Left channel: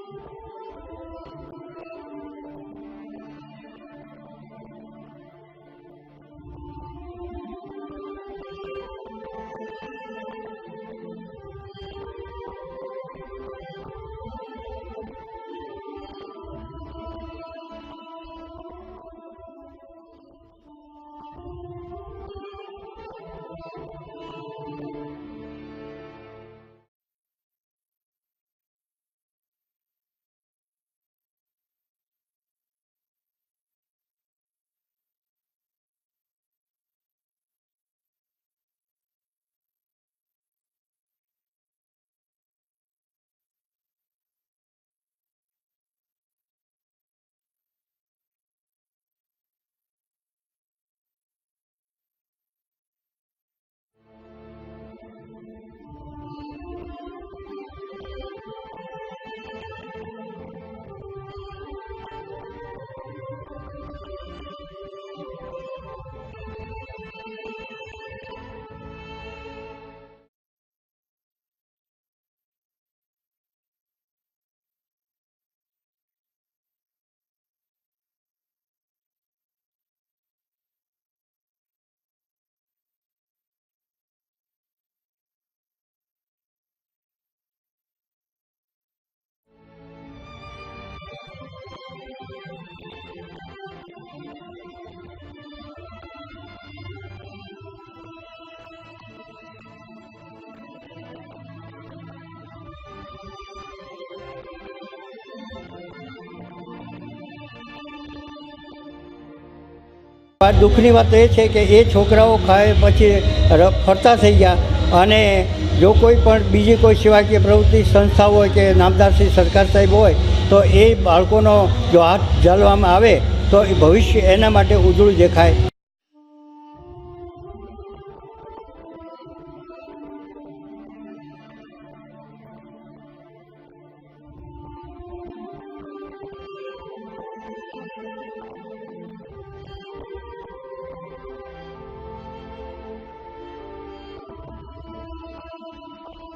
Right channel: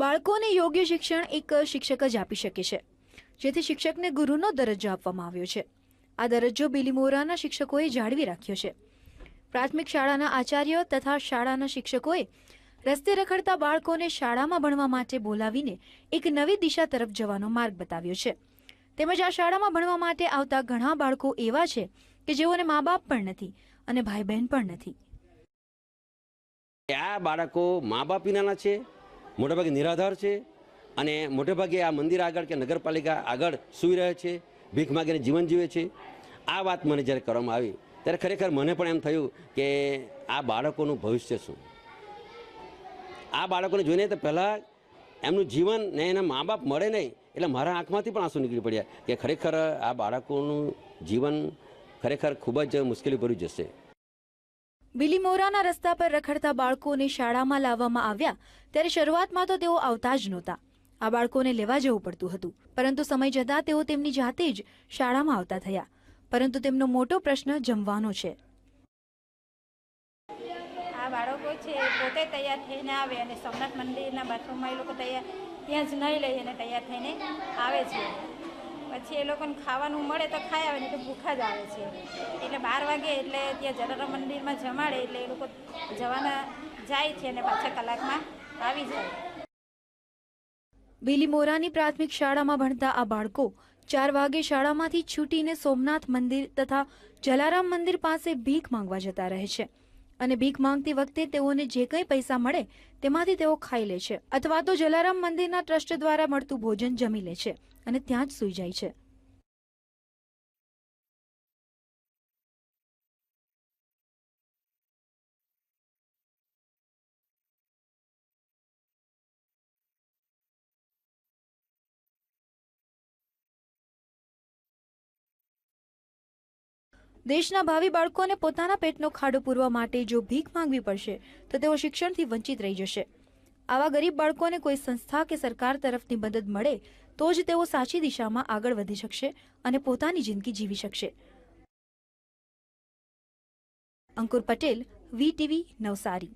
બાળકોને યોગ્ય શિક્ષણ એક શિક્ષક જ આપી શકે છે, જેથી શિક્ષકને ગુરુનો દરજ્જો આપવામાં આવ્યો છે. આ દરજ્જો બિલીમોરાના શિક્ષકોએ જાળવી રાખ્યો છે. પ્રાથમિક શાળાના આચાર્યો તથા શાળાના શિક્ષકોએ રસ્તે રખડતા બાળકોને શાળામાં ભણવા માટે બોલાવીને એક નવી દિશા તરફ જવાનો માર્ગ બતાવ્યો છે. તેમજ આ શાળામાં ભણવા માટે આવતા ઘણા બાળકો એવા છે કે જેઓને મા બાપ પણ નથી અને ભાઈ બહેન પણ નથી. આ બાળકો મા બાપ વિનાના છે, મોટાભાગે નિરાધાર છે અને મોટેભાગે આ મંદિર આગળ કે નગરપાલિકા આગળ સૂઈ રહે છે, ભીખ માગીને જીવન જીવે છે. આ વાત મને જ્યારે કરવામાં આવી ત્યારે ખરેખર મને પણ એમ થયું કે આ બાળકોનું ભવિષ્ય શું. આ બાળકોને જોઈને તો પહેલાં એમનું જીવન ને એના મા બાપ મળે નહીં એટલે મારા આંખમાંથી પણ આંસુ નીકળી પડ્યા કે ખરેખર આ બાળકોનું જીવન ખરેખર ખૂબ જ મુશ્કેલીભર્યું જશે. બિલીમોરાના રસ્તા પર રખડતા બાળકોને શાળામાં લાવવામાં આવ્યા ત્યારે શરૂઆતમાં તો તેઓ આવતા જ નહોતા. આ બાળકોને લેવા જવું પડતું હતું, પરંતુ સમય જતાં તેઓ તેમની જાતે જ શાળામાં આવતા થયા. પરંતુ તેમનો મોટો પ્રશ્ન જમવાનો છે. આ બાળકો છે પોતે તૈયાર થઈને આવે અને સોમનાથ મંદિરના બાથરૂમમાં એ લોકો તૈયાર ત્યાં જ નહીં લઈ અને તૈયાર થઈને આવે છે. પછી એ લોકોને ખાવાનું મળે તો ખાઈ આવે, નહીં તો ભૂખા જ આવે છે. એટલે 12 વાગે એટલે ત્યાં જલારામ મંદિરમાં જમાડે એટલે એ લોકો જવાના જાય છે અને પાછા કલાકમાં આવી જાય. બિલીમોરાની પ્રાથમિક શાળામાં ભણતા આ બાળકો 4 વાગે શાળામાંથી છૂટીને સોમનાથ મંદિર તથા જલારામ મંદિર પાસે ભીખ માંગવા જતા રહે છે અને ભીખ માંગતી વખતે તેઓને જે કંઈ પૈસા મળે તેમાંથી તેઓ ખાઈ લે છે અથવા તો જલારામ મંદિરના ટ્રસ્ટ દ્વારા મળતું ભોજન જમી લે છે અને ત્યાં જ સૂઈ જાય છે. દુઃખની વાત એ છે કે એ છોકરાઓ ખાય પછી ફરતા થઈ ગયા અને જો કોઈ પણ બીજી કોઈ સેવાકીય પ્રવૃત્તિ સંસ્થા હોય કે નામદારશ્રી સરકાર સાહેબ હોય તો એ બાળકોનો જો હાથ ઝાલવામાં આવે તો એ ભવિષ્ય એના માટે ઉજળું દેખાય. દેશના ભાવિ બાળકોને પોતાના પેટનો ખાડો પૂરવા માટે જો ભીખ માંગવી પડશે તો તેઓ શિક્ષણથી વંચિત રહી જશે. આવા ગરીબ બાળકોને કોઈ સંસ્થા કે સરકાર તરફથી મદદ મળે તો જ તેઓ સાચી દિશામાં આગળ વધી શકશે અને પોતાની જિંદગી જીવી શકશે. અંકુર પટેલ, VTV, નવસારી.